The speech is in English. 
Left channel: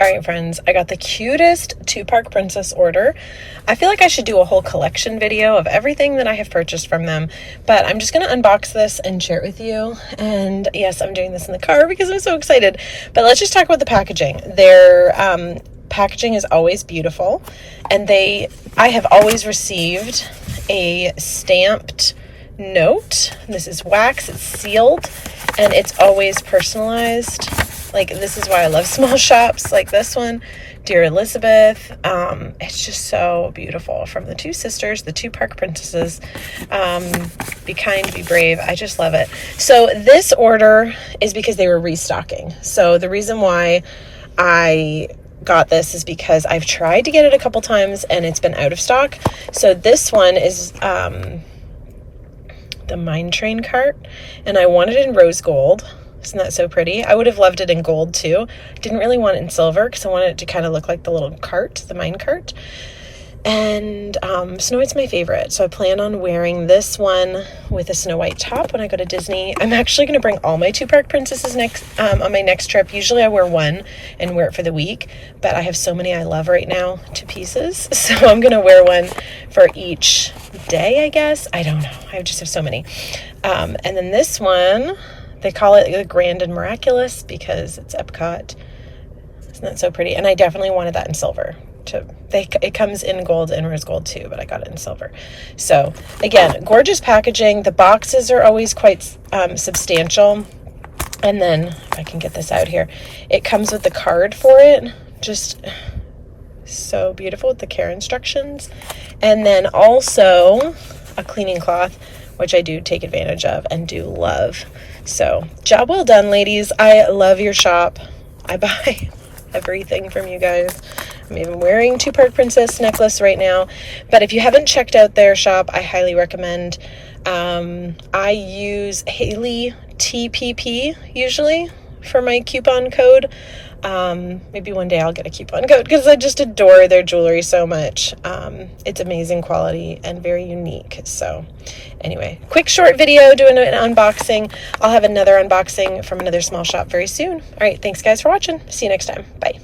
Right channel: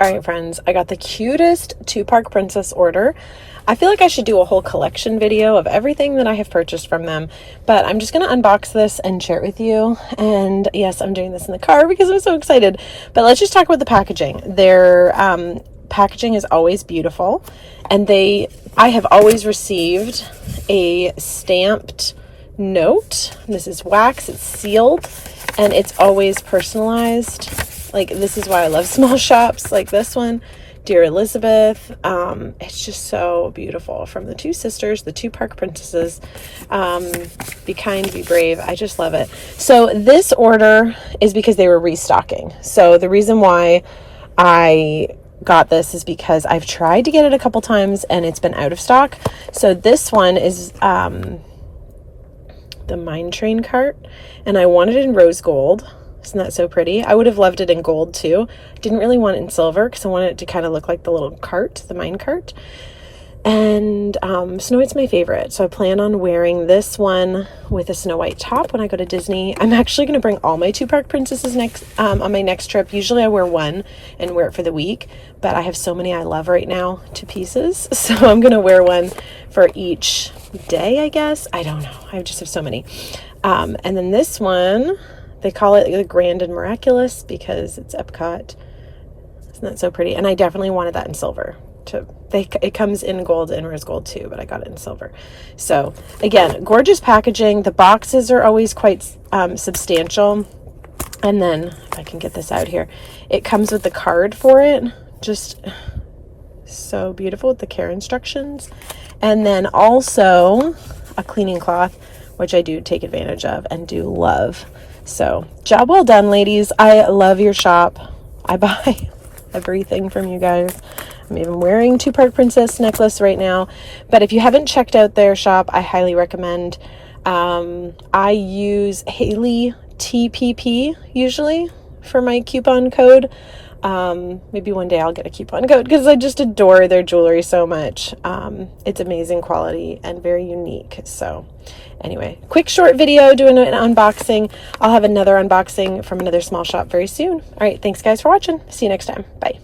All right, friends, I got the cutest two-park princess order. I feel like I should do a whole collection video of everything that I have purchased from them, but I'm just going to unbox this and share it with you. And yes, I'm doing this in the car because I'm so excited, but let's just talk about the packaging. Their packaging is always beautiful, and I have always received a stamped note. This is wax, it's sealed, and it's always personalized. Like, this is why I love small shops like this one. Dear Elizabeth. It's just so beautiful. From the two sisters, the two park princesses. Be kind, be brave. I just love it. So this order is because they were restocking. So the reason why I got this is because I've tried to get it a couple times and it's been out of stock. So this one is the Mine Train cart, and I wanted it in rose gold. Isn't that so pretty? I would have loved it in gold too. Didn't really want it in silver because I wanted it to kind of look like the little cart, the mine cart. And Snow White's my favorite. So I plan on wearing this one with a Snow White top when I go to Disney. I'm actually going to bring all my two park princesses on my next trip. Usually I wear one and wear it for the week, but I have so many I love right now to pieces. So I'm going to wear one for each day, I guess. I don't know. I just have so many. And then this one, they call it the Grand and Miraculous because it's Epcot. Isn't that so pretty? And I definitely wanted that in silver. It comes in gold and rose gold too, but I got it in silver. So again, gorgeous packaging. The boxes are always quite substantial. And then, if I can get this out here, it comes with the card for it. Just so beautiful with the care instructions. And then also a cleaning cloth, which I do take advantage of and do love. So, job well done, ladies. I love your shop. I buy everything from you guys. I'm even wearing two Park Princess necklace right now. But if you haven't checked out their shop, I highly recommend. I use Haley TPP usually for my coupon code. Maybe one day I'll get a coupon code because I just adore their jewelry so much. It's amazing quality and very unique. So anyway, quick short video doing an unboxing. I'll have another unboxing from another small shop very soon. All right, thanks guys for watching. See you next time. Bye.